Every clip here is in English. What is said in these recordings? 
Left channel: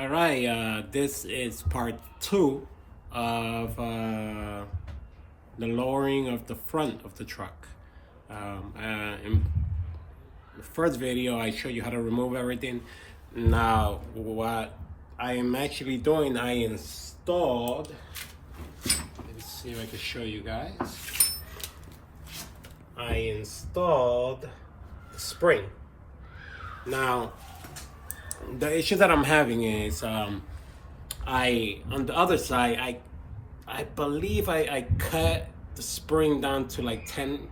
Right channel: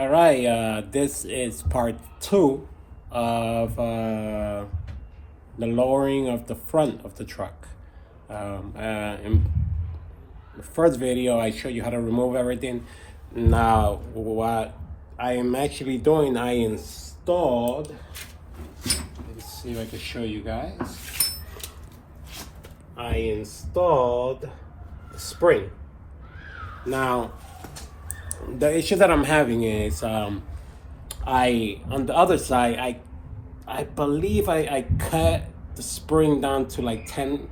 All right, this is part two of the lowering of the front of the truck. In the first video, I showed you how to remove everything. Now, what I am actually doing, I installed, let's see if I can show you guys. I installed the spring. Now, the issue that I'm having is on the other side, I believe I cut the spring down to like 10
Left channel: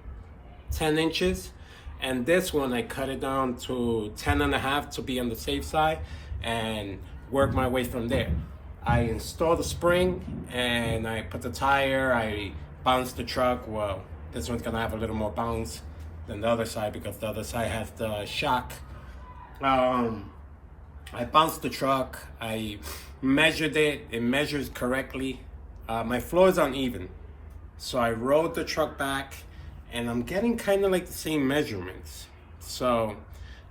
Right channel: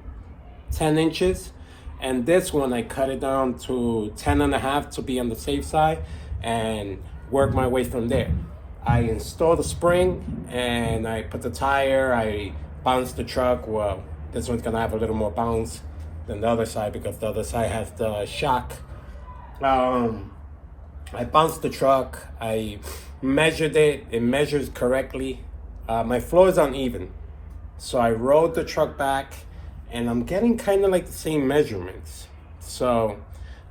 inches, and this one I cut it down to 10 and a half to be on the safe side and work my way from there. I installed the spring and I put the tire, I bounced the truck. Well, this one's gonna have a little more bounce than the other side because the other side has the shock. I bounced the truck, I measured it measures correctly. My floor is uneven, so I rolled the truck back and I'm getting kind of like the same measurements. So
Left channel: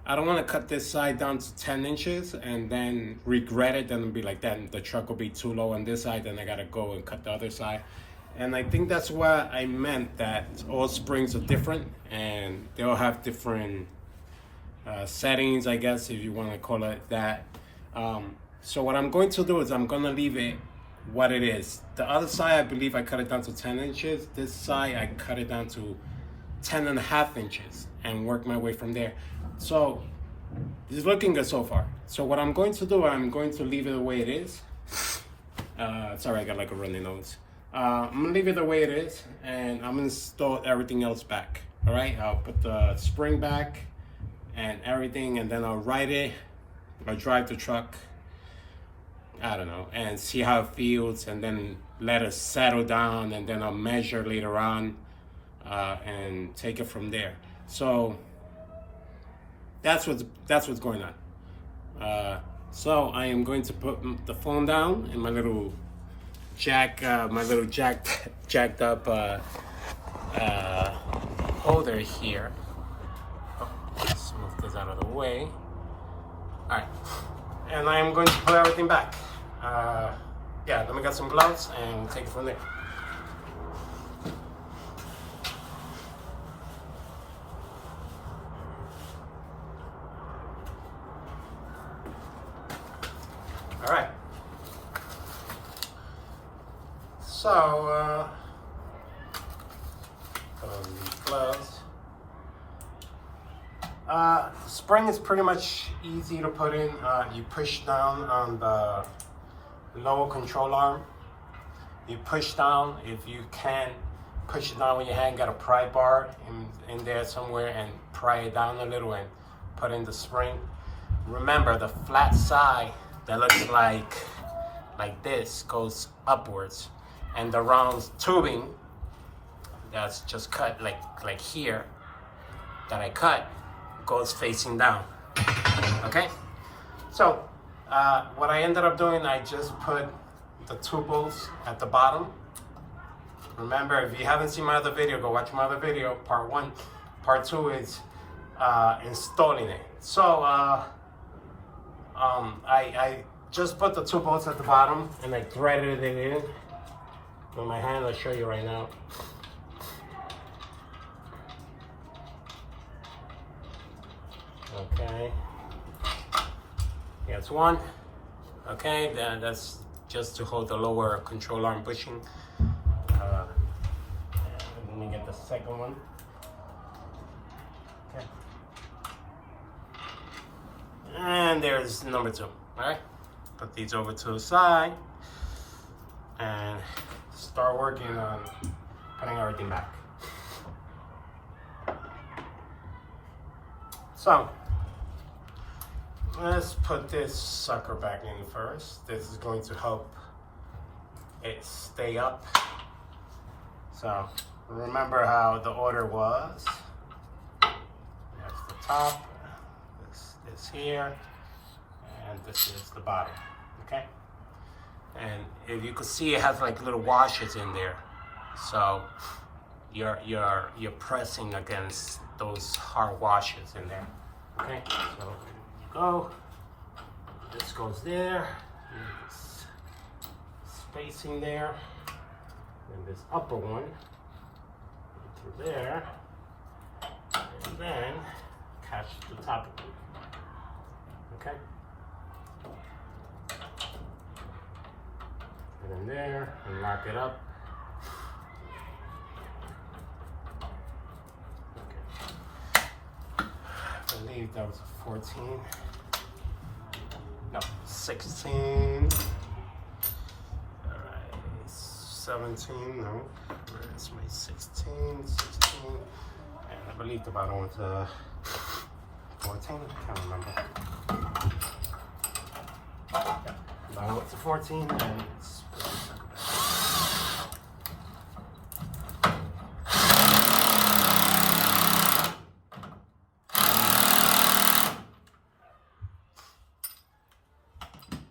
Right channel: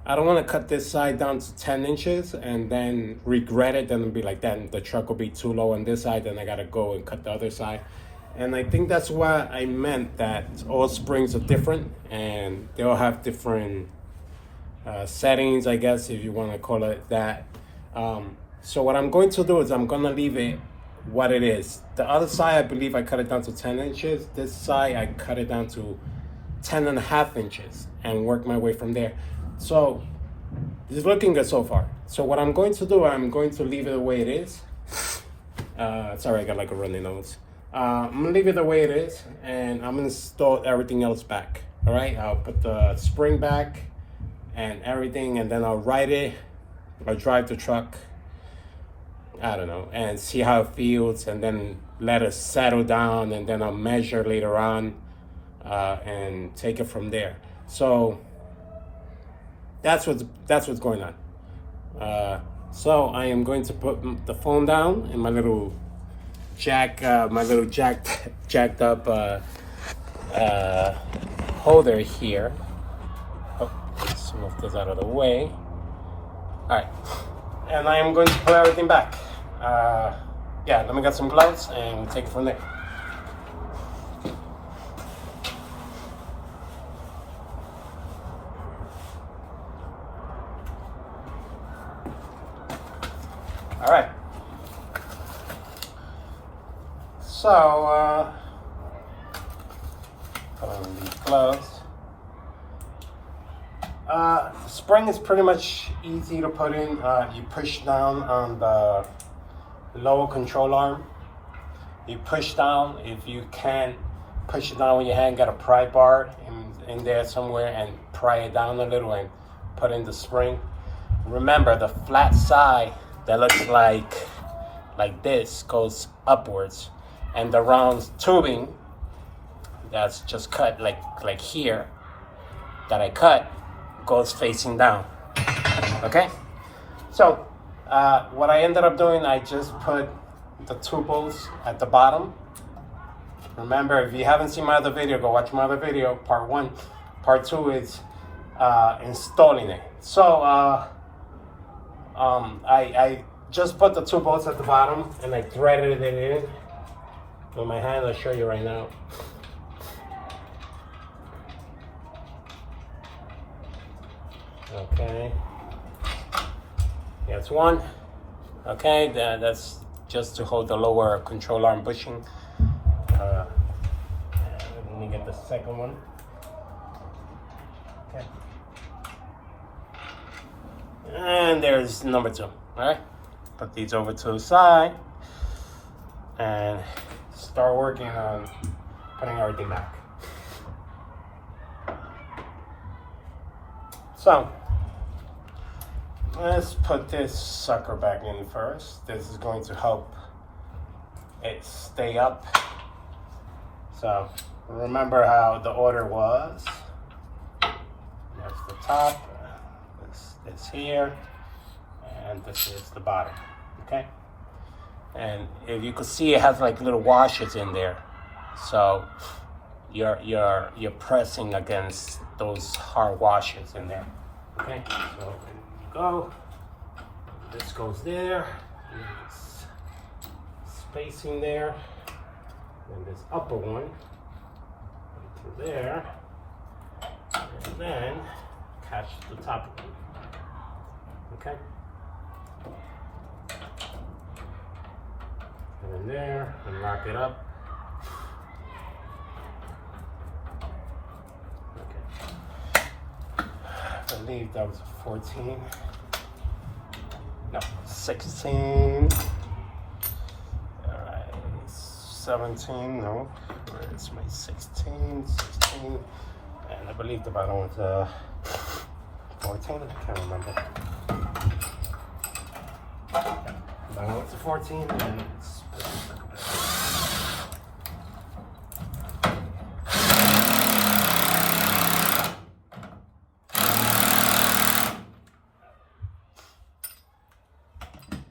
I don't want to cut this side down to 10 inches and then regret it, then be like, then the truck will be too low on this side, then I gotta go and cut the other side. And I think that's what I meant, that all springs are different and they all have different settings, I guess, if you want to call it that. So what I'm going to do is I'm going to leave it what it is. The other side, I believe I cut it down to 10 inches. This side, I cut it down to 10 and a half inches and work my way from there. So it's looking good so far. So what I'm going to do, I'm going to leave it the way it is. Sorry, I got like a runny nose. I'm going to leave it the way it is, and I'm going to install everything else back. All right, I'll put the spring back and everything, and then I'll ride it. I'll drive the truck, I don't know, and see how it feels, and then let it settle down, and then I'll measure later on and take it from there. So that's what's going on. So I am going to put the phone down in my little jacked up holder here. Oh, let's move this out of the way. All right, and I am going to put everything back. Yeah, let me get some gloves and we'll take it from there. All right. So, put on these gloves. The spring is pretty much easy to put in. You push down on the lower control arm. You push down. If you can't push it down with your hand, get a pry bar in there somewhere and pry it down a little and put in the spring. Remember, the flat side that looks like this goes upwards, and the round tubing that's just cut like here that I cut goes facing down. Okay, so what I ended up doing, I just put the two bolts at the bottom. Remember, if you haven't seen my other video, go watch my other video, part one. Part two is installing it. So I just put the two bolts at the bottom and I threaded it in with my hand. I'll show you right now. Okay, that's one. Okay, that's just to hold the lower control arm bushing. Let me get the second one. Okay, and there's number two. All right, put these over to the side and start working on putting everything back. So let's put this sucker back in first. This is going to help it stay up. So remember how the order was. That's the top, this here, and this is the bottom, okay? And if you could see, it has like little washers in there. So you're pressing against those hard washers in there. Okay, so you go, This goes there. Spacing there. And this upper one into there. And then catch the top of it. Okay? Put in there and lock it up. Okay. I believe that was a 14. No, 16. Alright, 17, no. Where is my 16? 16. And I believe the bottom was 14. I can't remember. Now it's a 14 and it's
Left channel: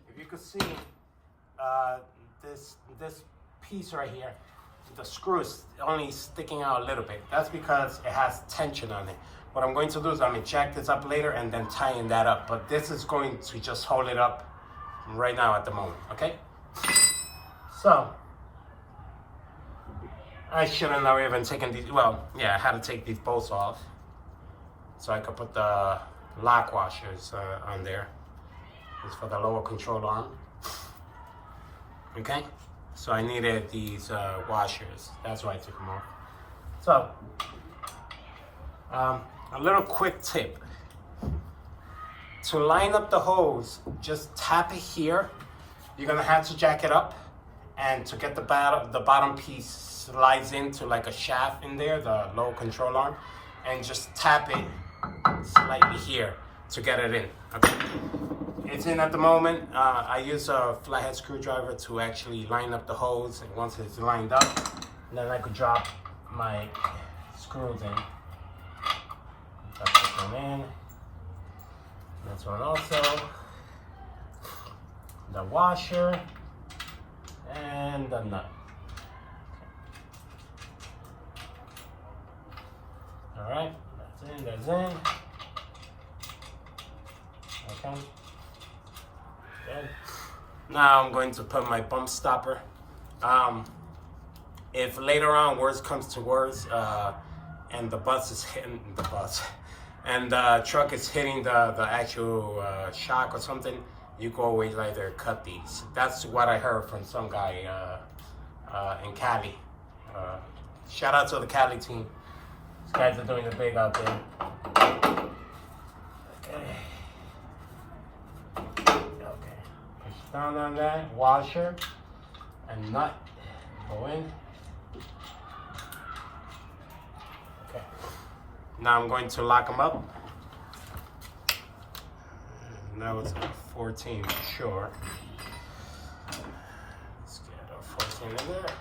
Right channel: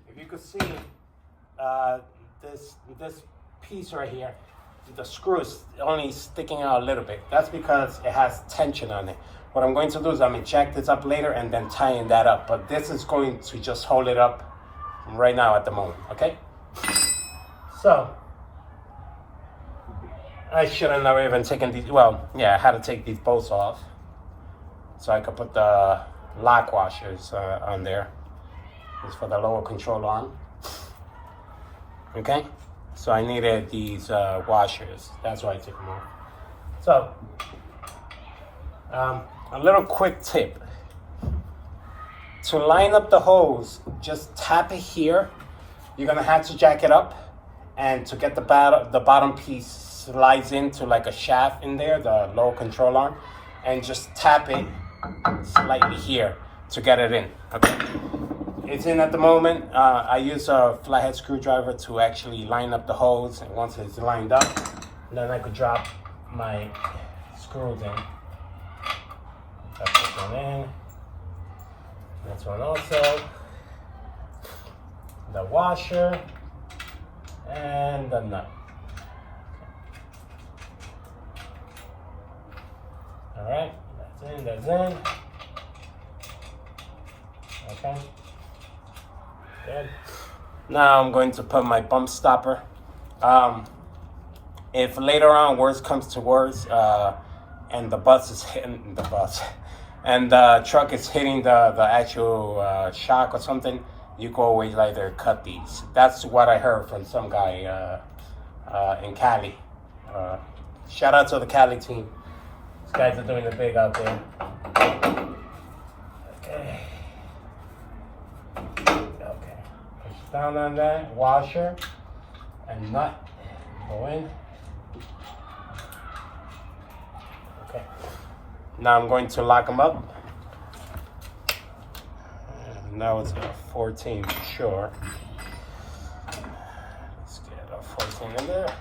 if you could see this piece right here, the screw is only sticking out a little bit. That's because it has tension on it. What I'm going to do is I'm going to jack this up later and then tighten that up. But this is going to just hold it up right now at the moment, okay? So, I should have never even taken these, well, yeah, I had to take these bolts off so I could put the lock washers on there. It's for the lower control arm, okay? So I needed these washers. That's why I took them off. So, a little quick tip. To line up the hose, just tap it here. You're gonna have to jack it up, and to get the bottom piece slides into like a shaft in there, the low control arm, and just tap it slightly here to get it in, okay? It's in at the moment. I use a flathead screwdriver to actually line up the hose, and once it's lined up, then I could drop my screws in. Drop this one in. This one also. The washer and the nut. All right, that's in. Okay, good. Now I'm going to put my bump stopper. If later on worse comes to worse, and the bus is hitting the bus, and the truck is hitting the actual shock or something, you can always either cut these. That's what I heard from some guy in Cali. Shout out to the Cali team. These guys are doing it big out there. Okay. Okay. Push down on that washer and nut. Go in. Okay. Now I'm going to lock them up. Now it's a 14 for sure. Let's get a 14 in there.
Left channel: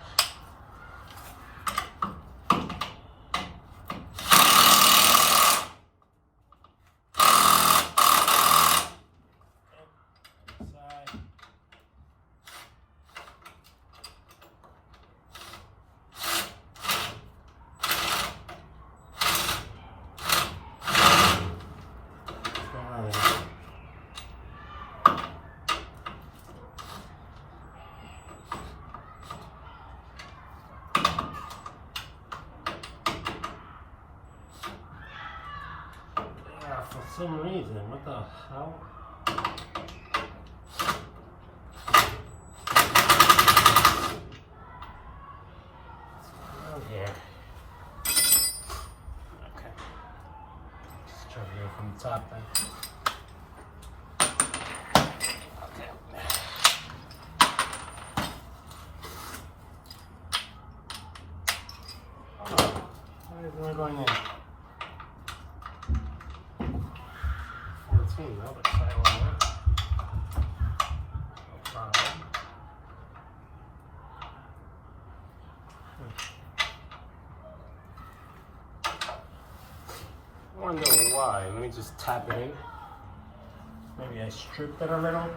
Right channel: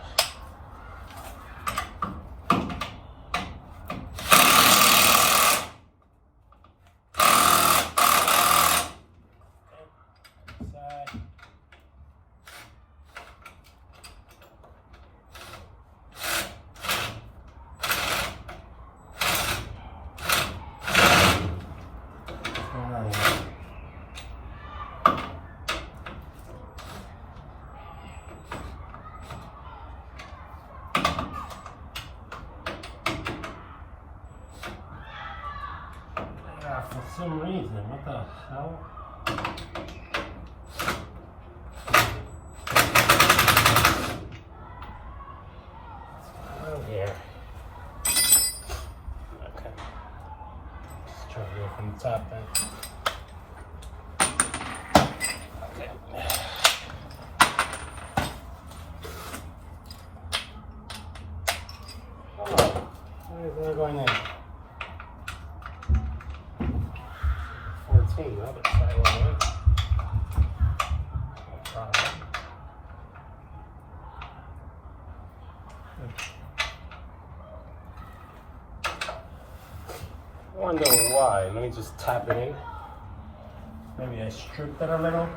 For some reason, what the hell? Oh yeah. Okay. Let's try to go from the top then. Okay. Oh, where is it going in? 14, the other side one, right? No problem. I wonder why. Let me just tap it in. Maybe I stripped it a little.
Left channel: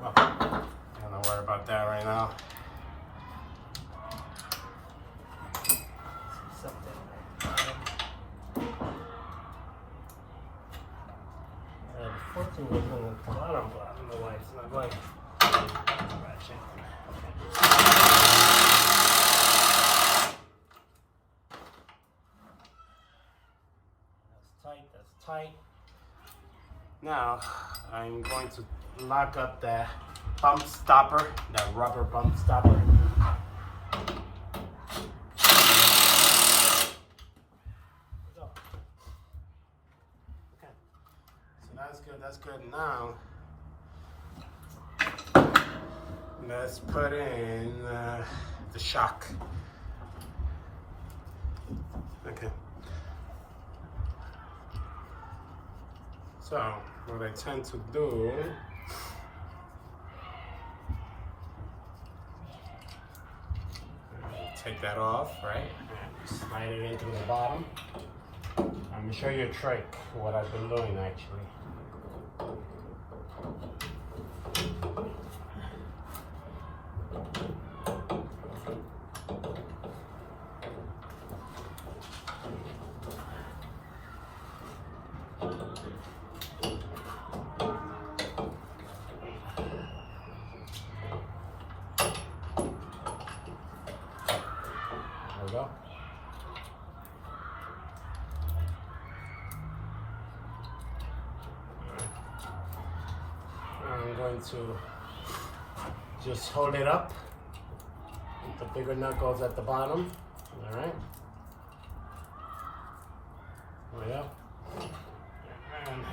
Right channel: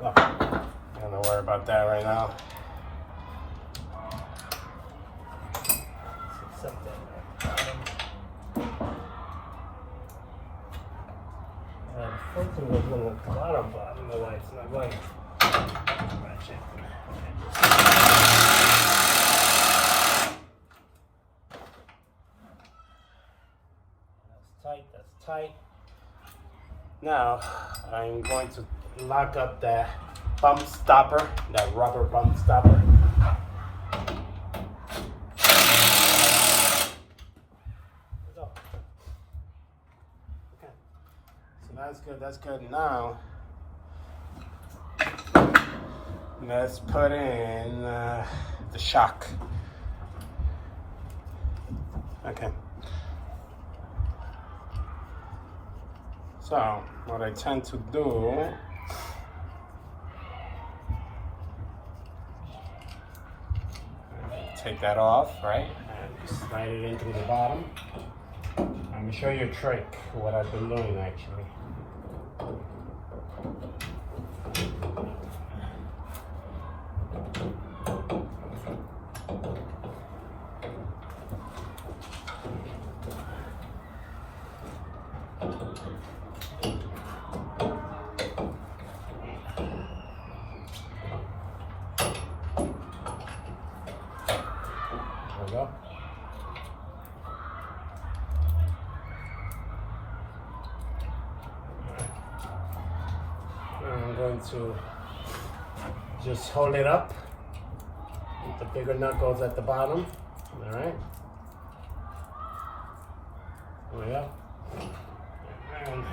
Well, I'm not worry about that right now. right, so I'm going. That's tight. Now I'm going to lock up the bump stopper, that rubber bump stopper. Okay, so that's good. Now let's put in the shock. Okay. So what I tend to do, take that off, right? And slide it into the bottom. I'm gonna show you a trick, what I've been doing actually. There we go. I'm going to just hold it up. The bigger nut goes at the bottom. All right. There we go. And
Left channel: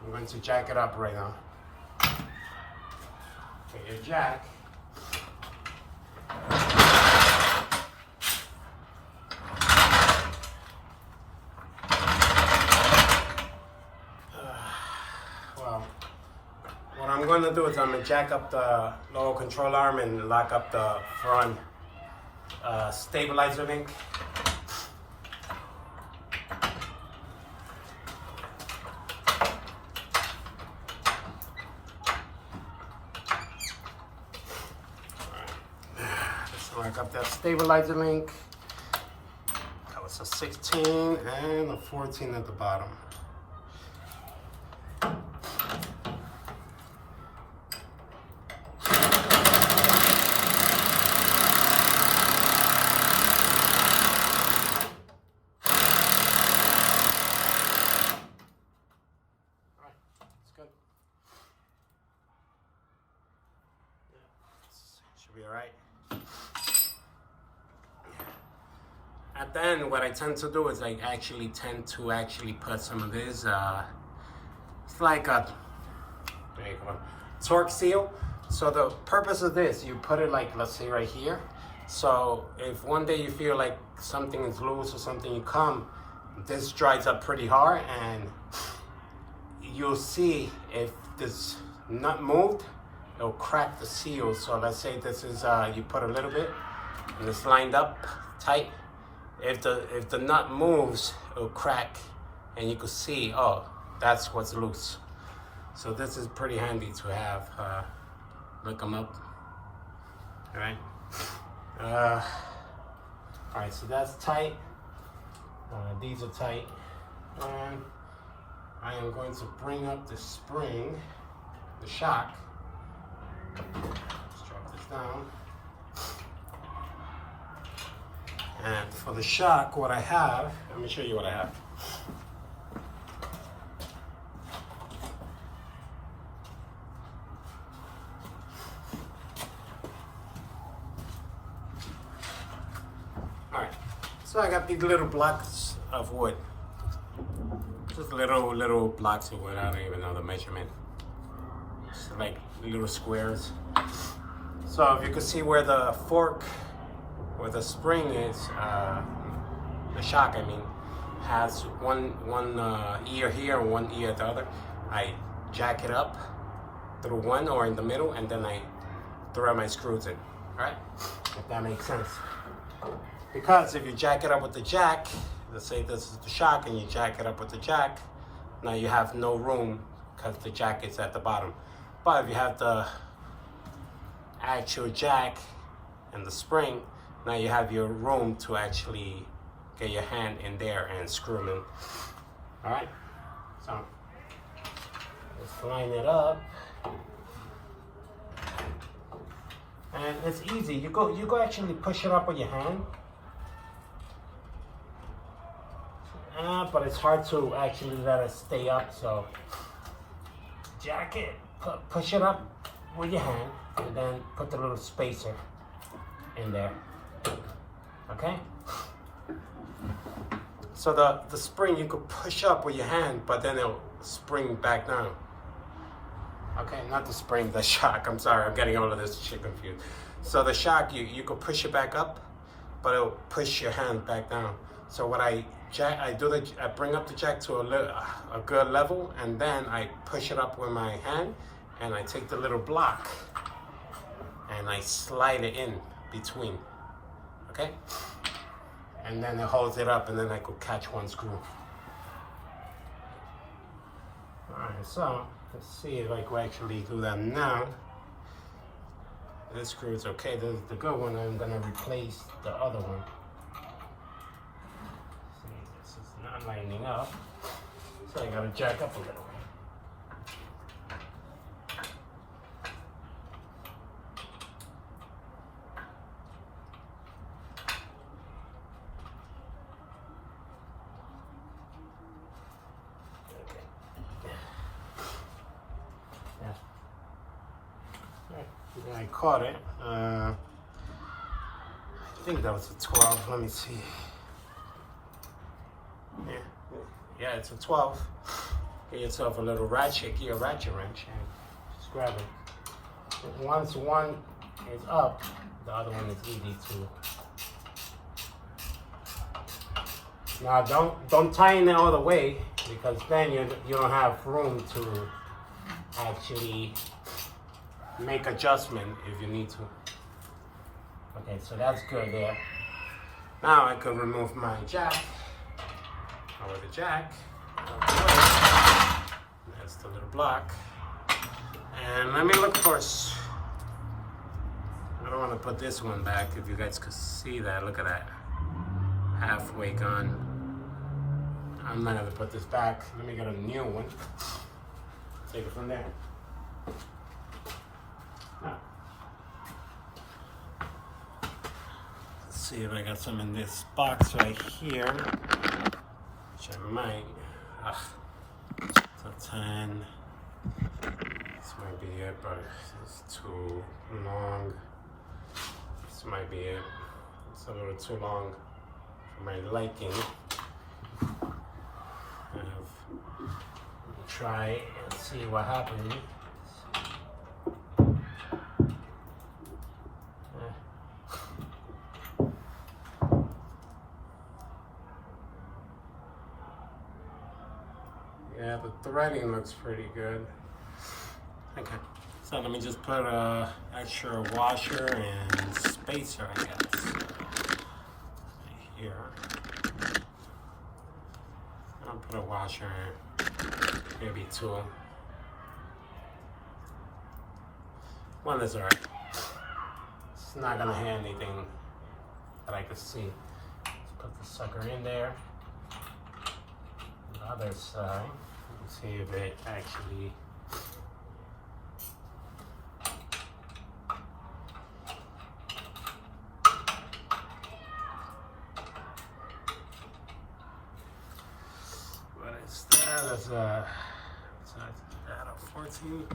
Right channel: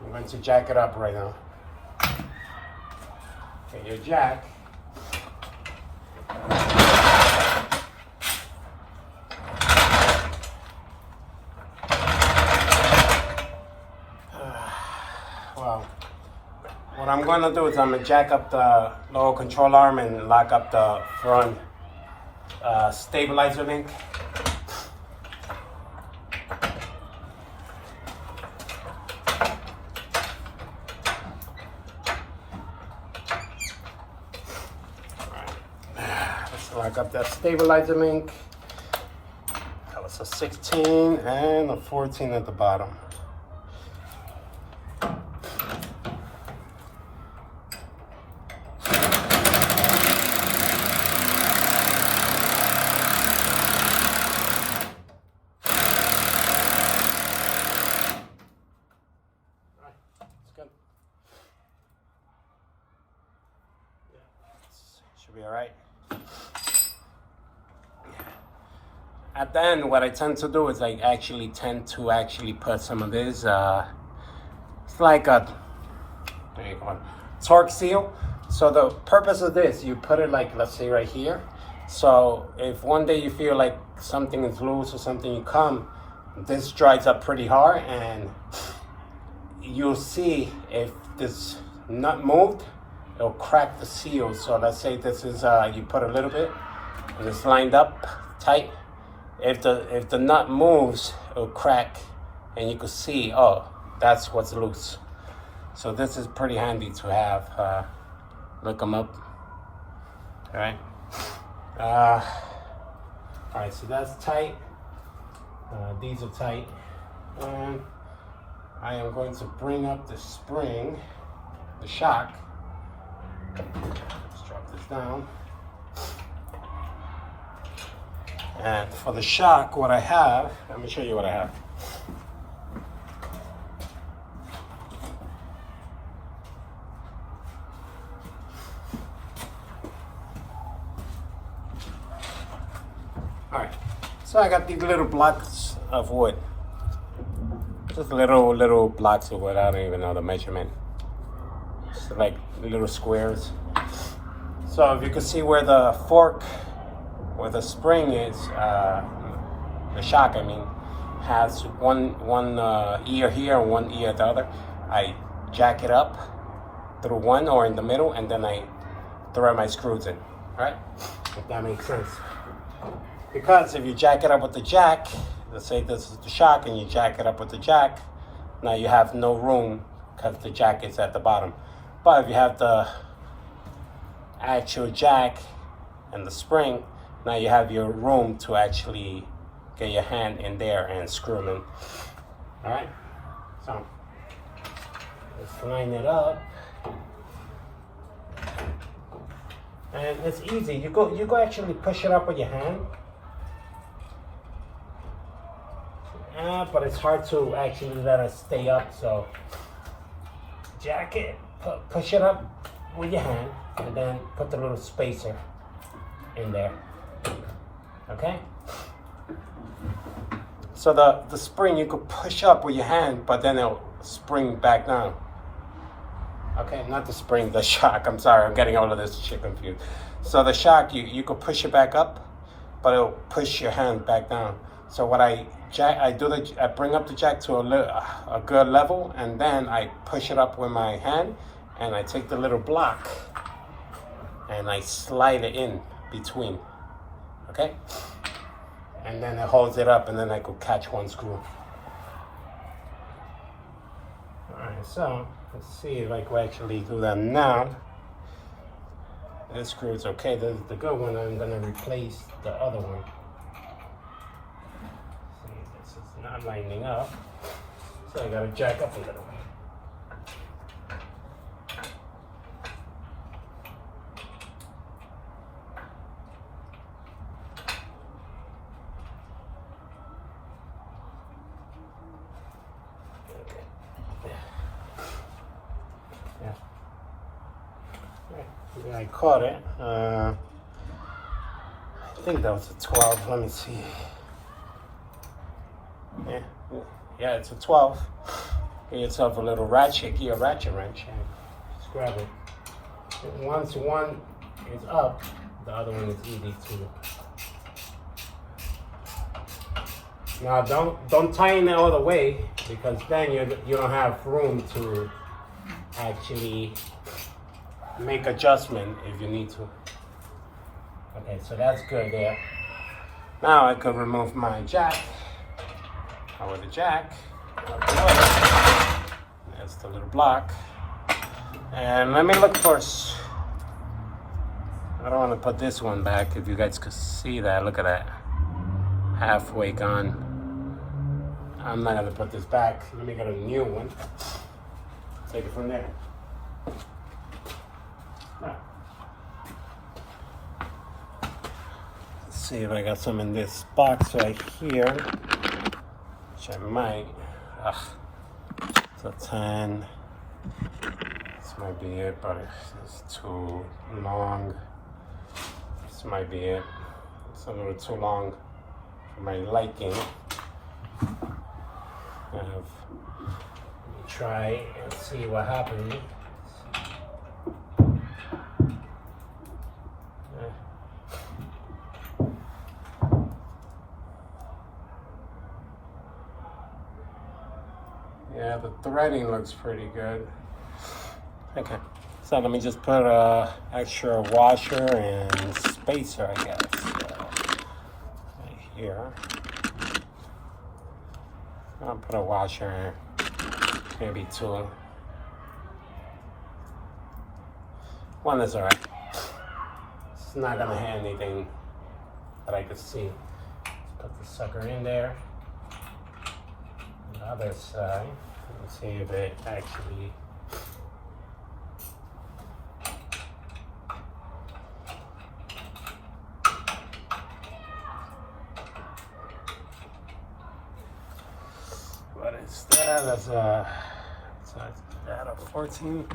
I'm going to jack it up right now. Okay, your jack. Well, what I'm going to do is I'm going to jack up the lower control arm and lock up the front stabilizer link. Let's lock up that stabilizer link. That was a 16 and a 14 at the bottom. Should be all right. At the end, what I tend to do is I actually tend to put some of this, it's like a, what do you call it, torque seal. So the purpose of this, you put it like, let's say right here. So if one day you feel like something is loose or something, you come, this dries up pretty hard and you'll see if this nut moved, it'll crack the seal. So let's say this is, you put a little bit and it's lined up tight. If the nut moves, it'll crack and you can see, oh, that's what's loose. So this is pretty handy to have. Look them up. All right. All right, so that's tight. These are tight. And I am going to bring up the spring, the shock. Let's drop this down. And for the shock, what I have, let me show you what I have. All right, so I got these little blocks of wood. Just little blocks of wood, I don't even know the measurement. Just like little squares. So if you can see where the fork, where the spring is, the shock, I mean, has one ear here and one ear at the other. I jack it up through one or in the middle, and then I throw my screws in, right? If that makes sense. Because if you jack it up with the jack, let's say this is the shock and you jack it up with the jack, now you have no room because the jack is at the bottom. But if you have the actual jack and the spring, now you have your room to actually get your hand in there and screw them in. All right, so Let's line it up. And it's easy. You go actually push it up with your hand. But it's hard to actually let it stay up, so jack it, push it up with your hand, and then put the little spacer in there. Okay? So the spring you could push up with your hand, but then it'll spring back down. Okay, not the spring, the shock. I'm sorry, I'm getting all of this shit confused. So the shock, you could push it back up, but it'll push your hand back down. So what I bring up the jack to a good level, and then I push it up with my hand, and I take the little block, and I slide it in between. Okay? And then it holds it up, and then I could catch one screw. Alright, so let's see if I can actually do that now. This screw is okay. This is the good one. I'm gonna replace the other one. See, this is not lining up, so I gotta jack up a little. I caught it. I think that was a 12. Let me see. Yeah, it's a 12. Get yourself a little gear ratchet wrench, and just grab it. Once one is up, the other one is easy too. Now don't tighten it all the way, because then you don't have room to actually make adjustment if you need to. Okay, so that's good there. Now I can remove my jack. With the jack. That's the little block. And let me look first. I don't want to put this one back. If you guys could see that, look at that. Halfway gone. I'm not gonna put this back. Let me get a new one. Take it from there. Let's see if I got some in this box right here, which I might. So 10. This might be it, but it's too long. This might be it. It's a little too long for my liking. Let me try and see what happens. Yeah, the threading looks pretty good. Okay, so let me just put a extra washer and spacer, I guess, right here. I'll put a washer, maybe two. One is alright. It's not gonna hit anything that I could see. Let's put the sucker in there. The other side. Let's see if it actually. What is that? That's out of 14.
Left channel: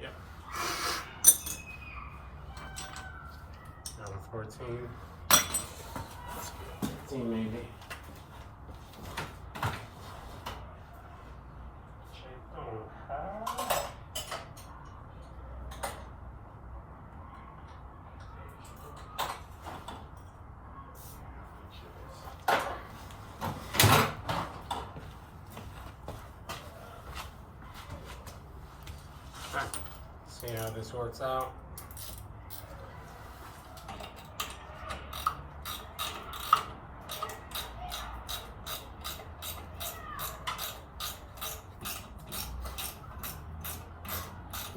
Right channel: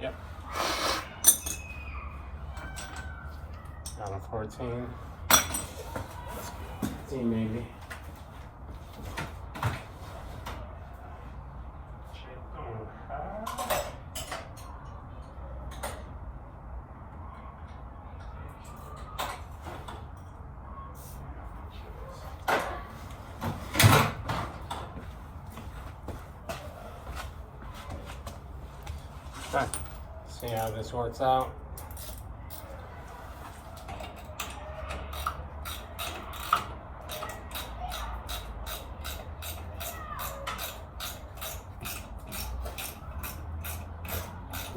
Yep. Out of 14. Let's see, maybe. See how this works out.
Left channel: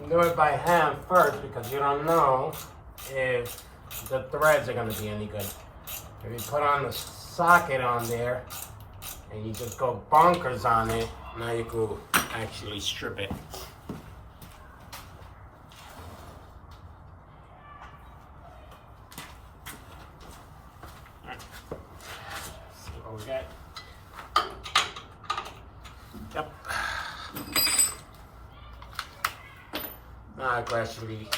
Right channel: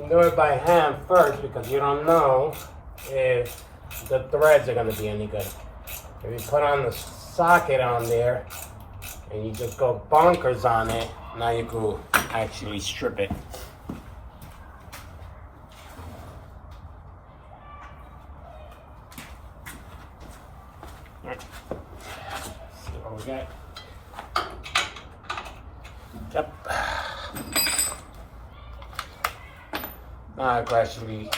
Do it by hand first, because you don't know if the threads are going to be any good. If you put on the socket on there and you just go bonkers on it, now you could actually strip it. Alright. See what we got. Yep. Now gradually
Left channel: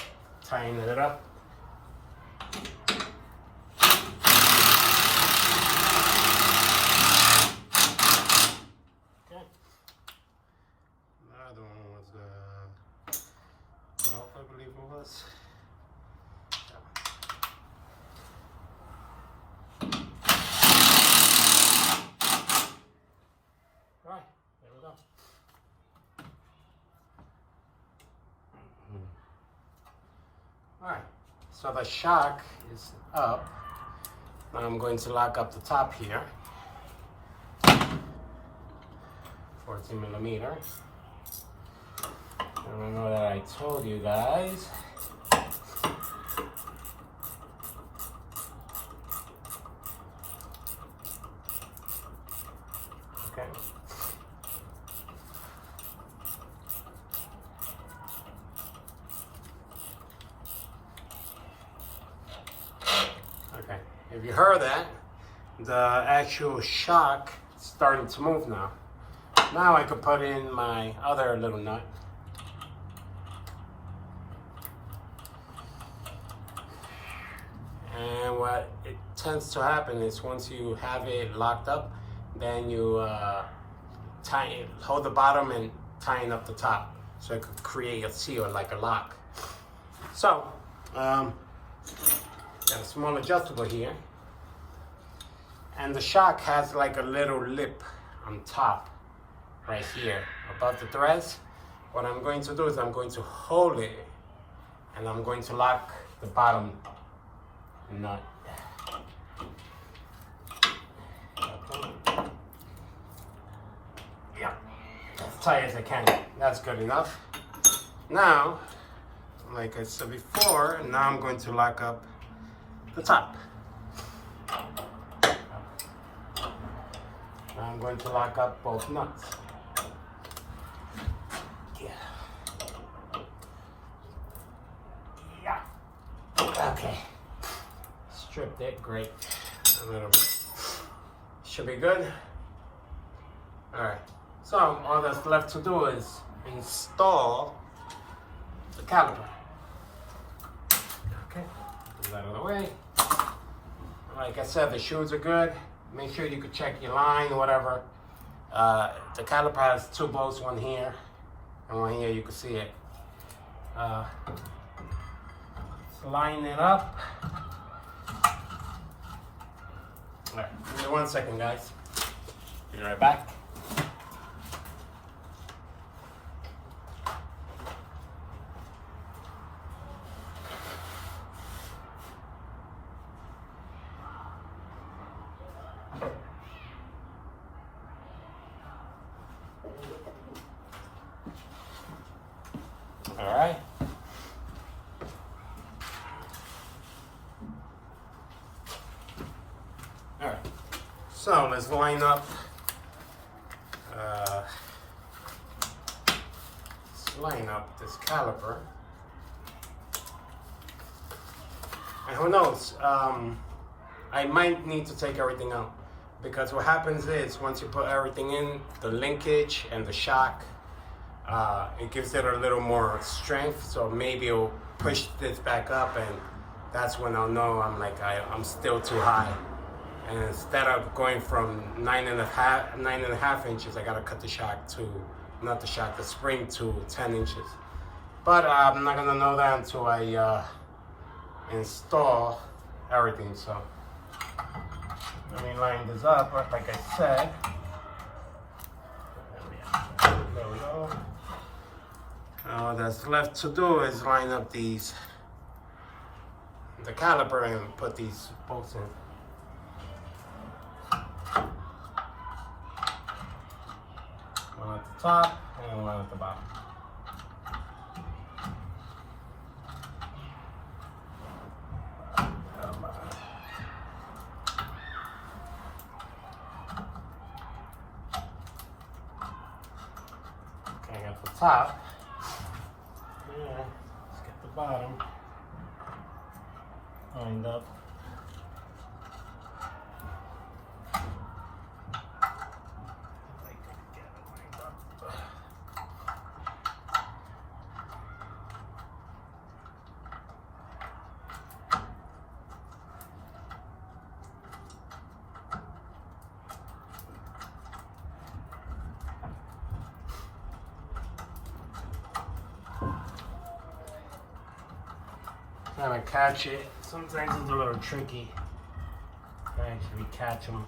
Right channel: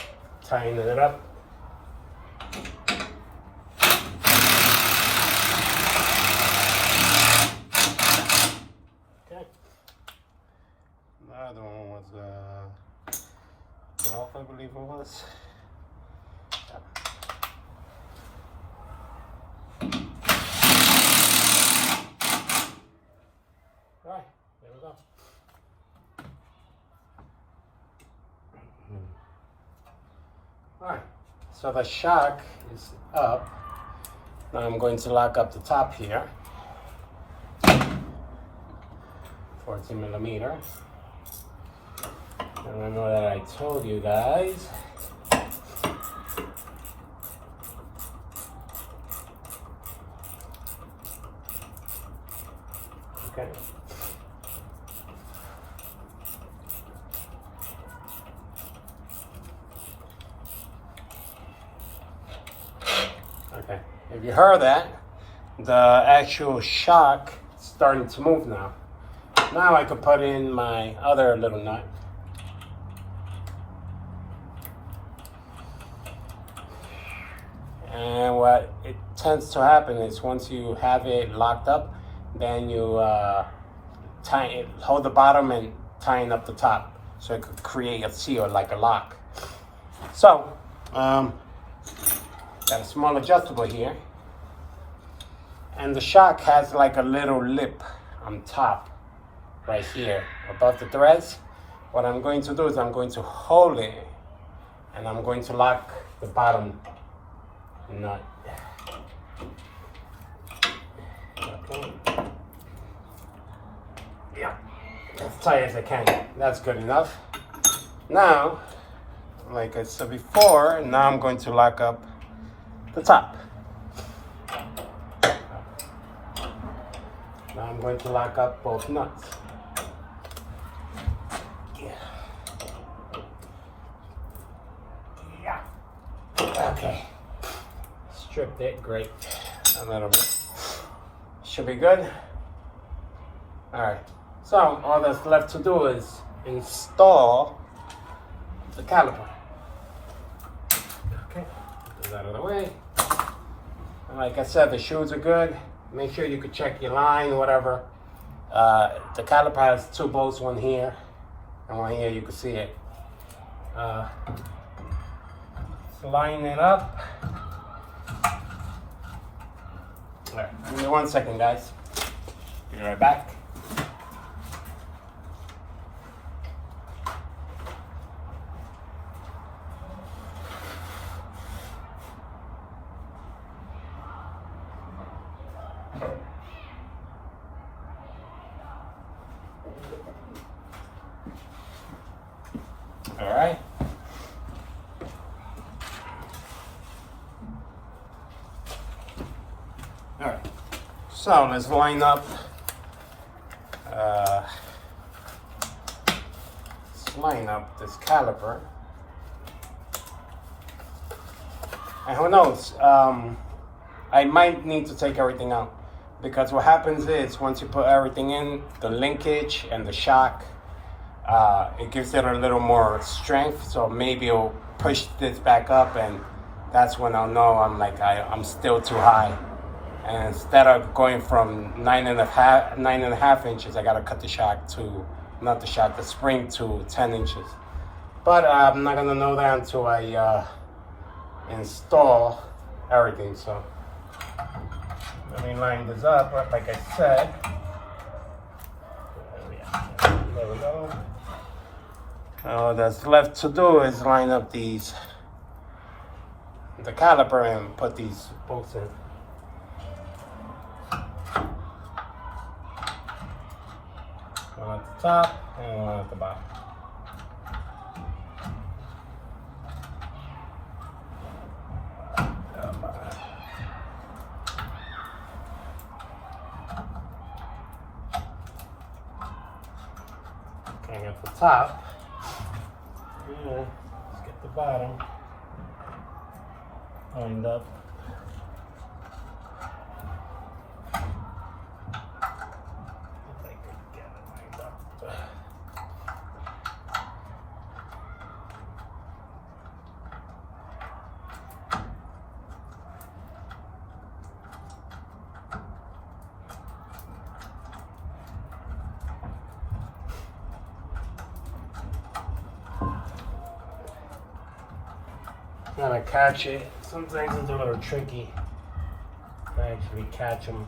tighten it up. Okay. The other one was 12, I believe it was. Right, there we go. Alright, so the shock is up. Now I'm going to lock up the top here. 14 millimeter. Remember that I told you guys. Okay. Okay, if you heard that, the actual shock is starting to move now. Now I could put in my other little nut. And what it tends to happen is once you have it locked up, then you hold the bottom and tighten up the top so it could create a seal like a lock. So, got a small adjustable here. And the shock has like a little lip on top right here above the threads. What I'm going to do is I'm going to hold it and I'm going to lock the bottom nut. Okay. Yeah, as tight as I can. That's good enough. Now, like I said before, now I'm going to lock up the top. Now I'm going to lock up both nuts. Yeah. Okay. Stripped it, great. A little bit. Should be good. Alright. So all that's left to do is install the caliper. Okay. Get that out of the way. And like I said, the shoes are good. Make sure you could check your line or whatever. The caliper has two bolts, one here and one here. You can see it. So line it up. All right, give me 1 second, guys. Be right back. All right. All right. So let's line up. Let's line up this caliper. And who knows? I might need to take everything out because what happens is once you put everything in, the linkage and the shock, it gives it a little more strength. So maybe it'll push this back up, and that's when I'll know I'm still too high. And instead of going from 9.5 inches, I gotta cut the shock to, not the shock, the spring to 10 inches. But I'm not gonna know that until I install everything. So let me line this up, like I said. There we go. All that's left to do is line up the caliper and put these bolts in. One at the top and one at the bottom. top. Yeah, let's get the bottom lined up. If I could get it lined up. Trying to catch it. Sometimes it's a little tricky to actually catch them.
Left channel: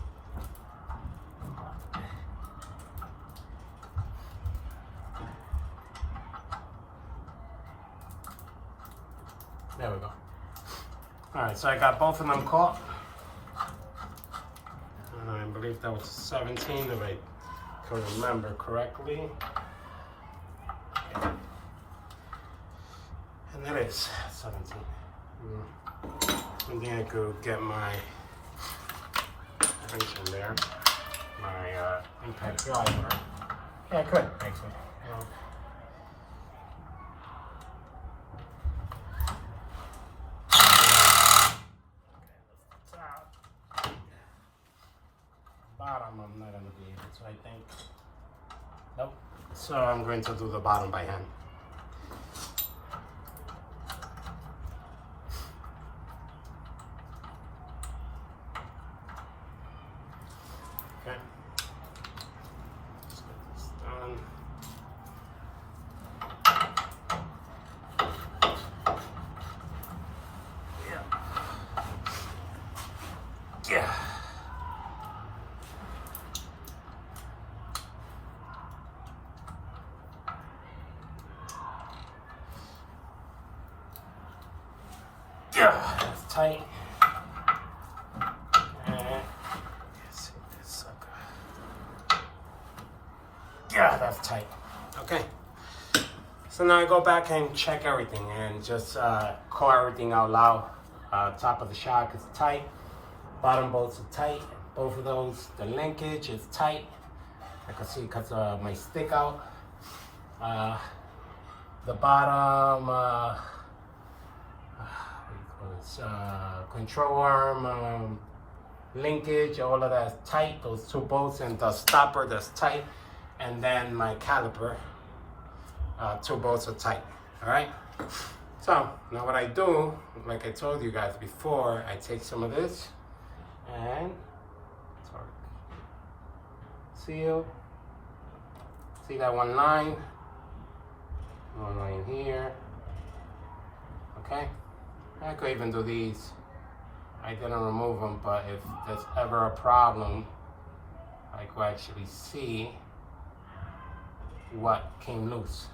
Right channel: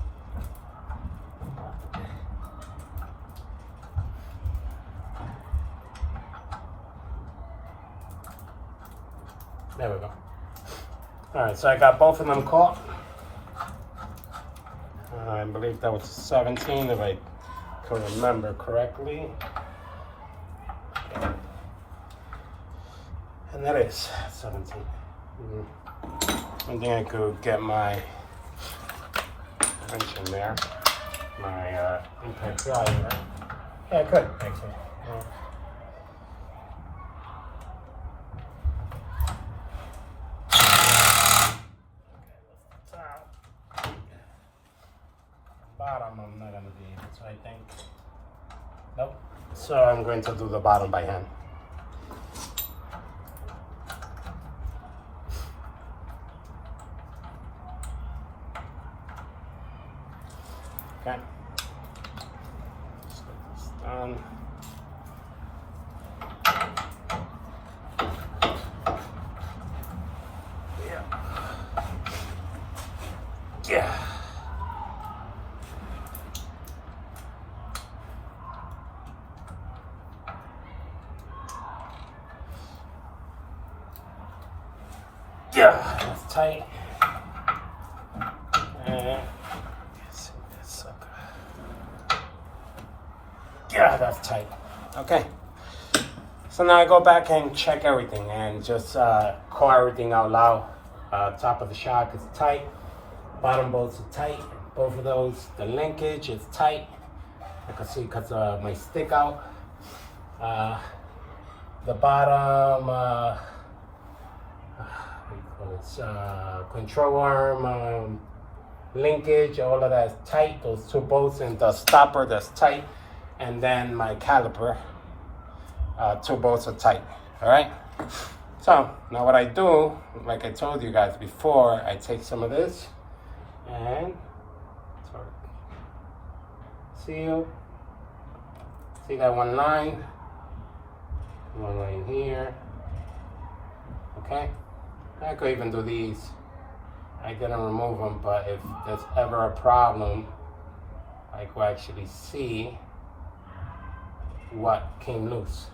There we go. Alright, so I got both of them caught. I believe that was 17 if I can remember correctly. Yeah. And that is 17. I think I could get my wrench in there, my impact driver. Yeah, I could actually. Yeah. Top. Bottom, I'm not gonna be able to, I think. Nope. So I'm going to do the bottom by hand. Okay. Let's get this done. Yeah. Yeah. Yeah, that's tight. Yeah, that's tight. Okay. So now I go back and check everything and just call everything out loud. Top of the shock is tight. Bottom bolts are tight. Both of those, the linkage is tight. I can see because of my stick out. The bottom, what do you call this? Control arm, linkage, all of that is tight. Those two bolts and the stopper, that's tight. And then my caliper, two bolts are tight. All right. So now what I do, like I told you guys before, I take some of this and seal. See that one line here. Okay. I could even do these. I didn't remove them, but if there's ever a problem, I could actually see what came loose.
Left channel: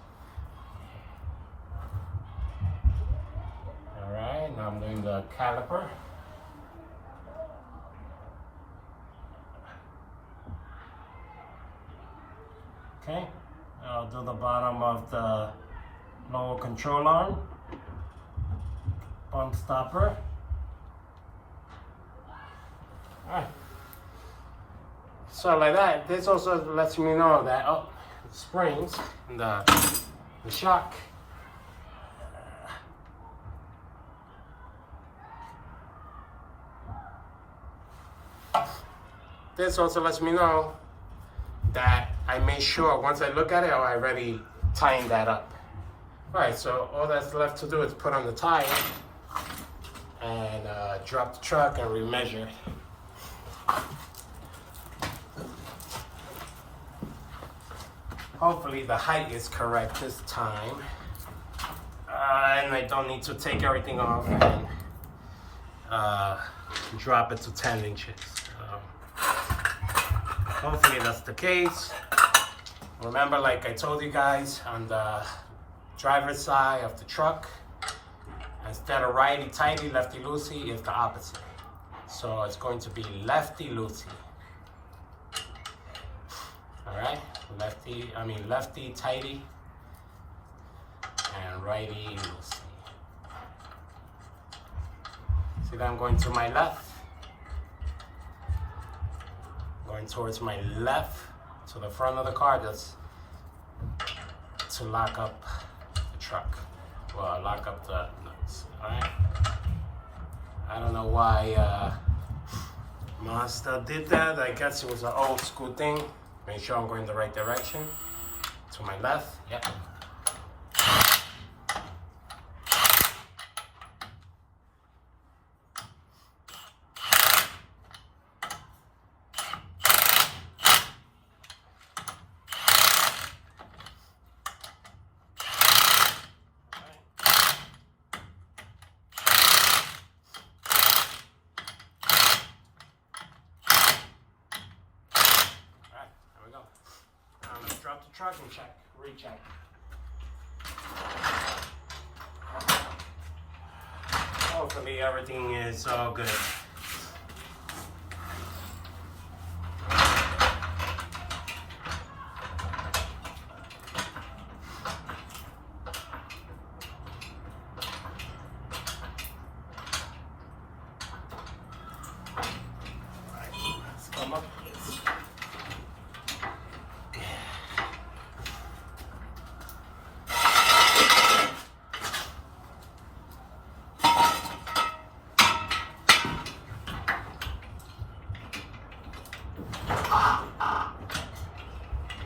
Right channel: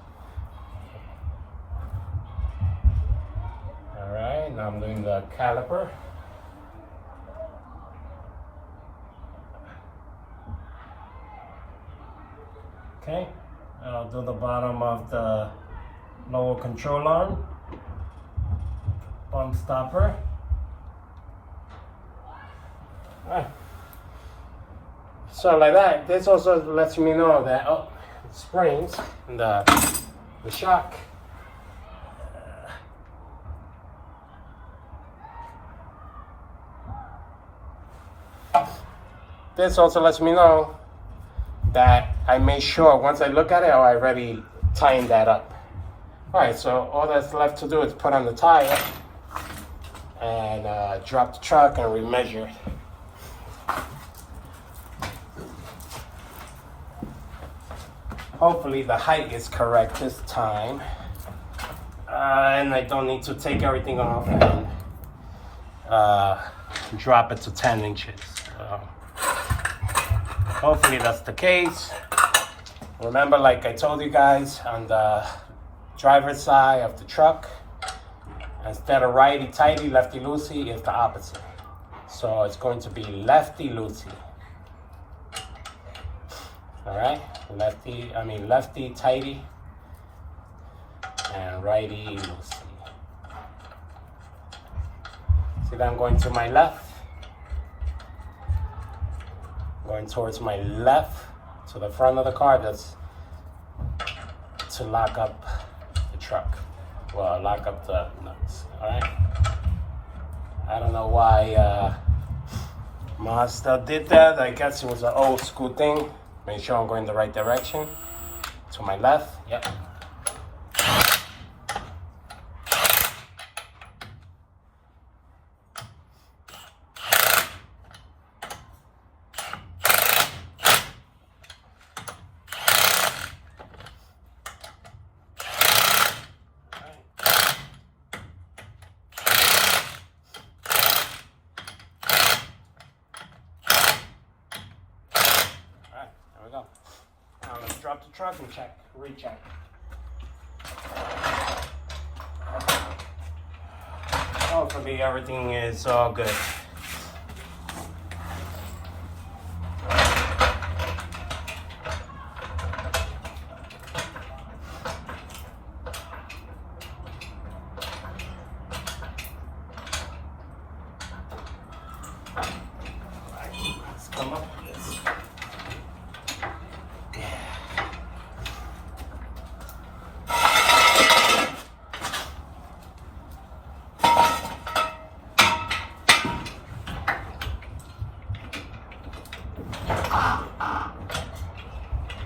All right, now I'm doing the caliper. Okay, I'll do the bottom of the lower control arm, bump stopper. All right. So like that, this also lets me know that, oh, springs and the shock. This also lets me know that I made sure once I look at it, I already tightened that up. All right, so all that's left to do is put on the tire and drop the truck and remeasure. Hopefully the height is correct this time. And I don't need to take everything off and drop it to 10 inches. Hopefully that's the case. Remember, like I told you guys, on the driver's side of the truck, instead of righty-tighty, lefty-loosey, it's the opposite. So it's going to be lefty-loosey. All right, lefty tighty and righty loosey. See that I'm going to my left, going towards my left to the front of the car, just to lock up the truck. Well, lock up the nuts, all right? I don't know why Mazda did that. I guess it was an old school thing. Make sure I'm going the right direction. To my left, yep. Now let's drop the truck and check, recheck. Hopefully everything is all good. Let's come up.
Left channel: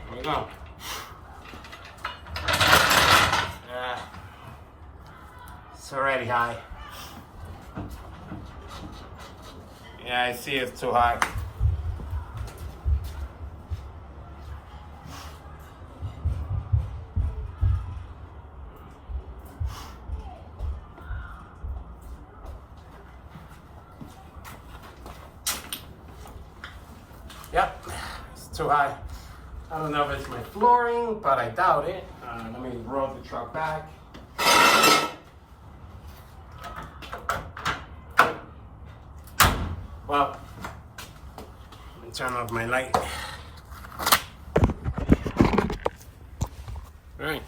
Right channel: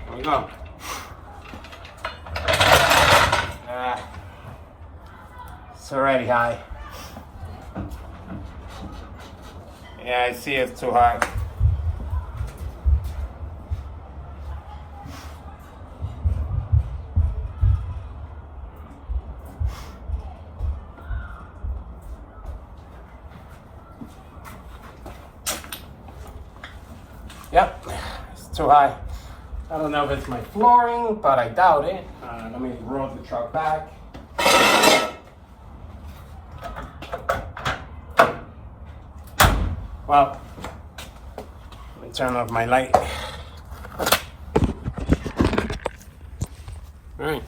There we go. It's already high. Yeah, I see it's too high. Yep, it's too high. I don't know if it's my flooring, but I doubt it. Let me roll the truck back. Well, let me turn off my light. All right,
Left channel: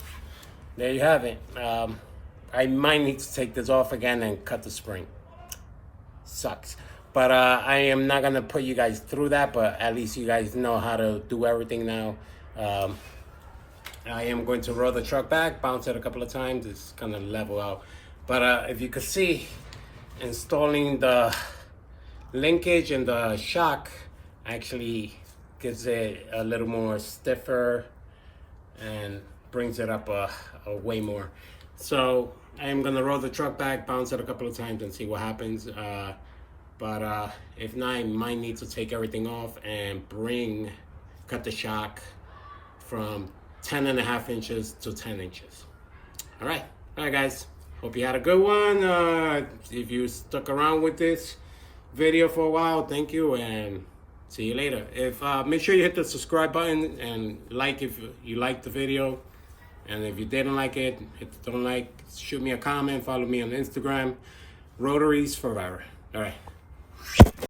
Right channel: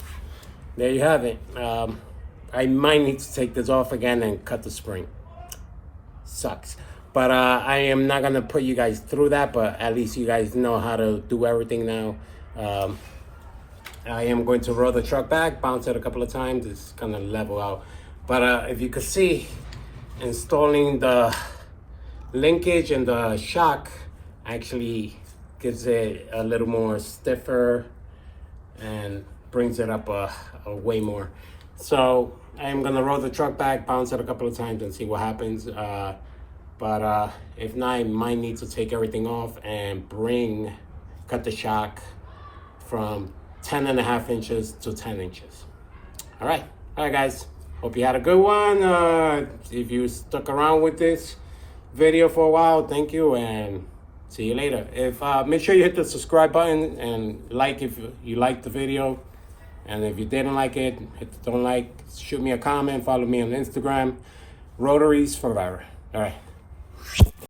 there you have it. I might need to take this off again and cut the spring. Sucks. But I am not gonna put you guys through that, but at least you guys know how to do everything now. I am going to roll the truck back, bounce it a couple of times, it's gonna level out. But if you could see, installing the linkage and the shock actually gives it a little more stiffer and brings it up a way more. So I'm gonna roll the truck back, bounce it a couple of times and see what happens. But if not, I might need to take everything off and cut the shock from 10.5 inches to 10 inches. All right, guys. Hope you had a good one. If you stuck around with this video for a while, thank you, and see you later. Make sure you hit the subscribe button and like if you liked the video. And if you didn't like it, hit the don't like, shoot me a comment, follow me on Instagram. Rotaries forever. All right.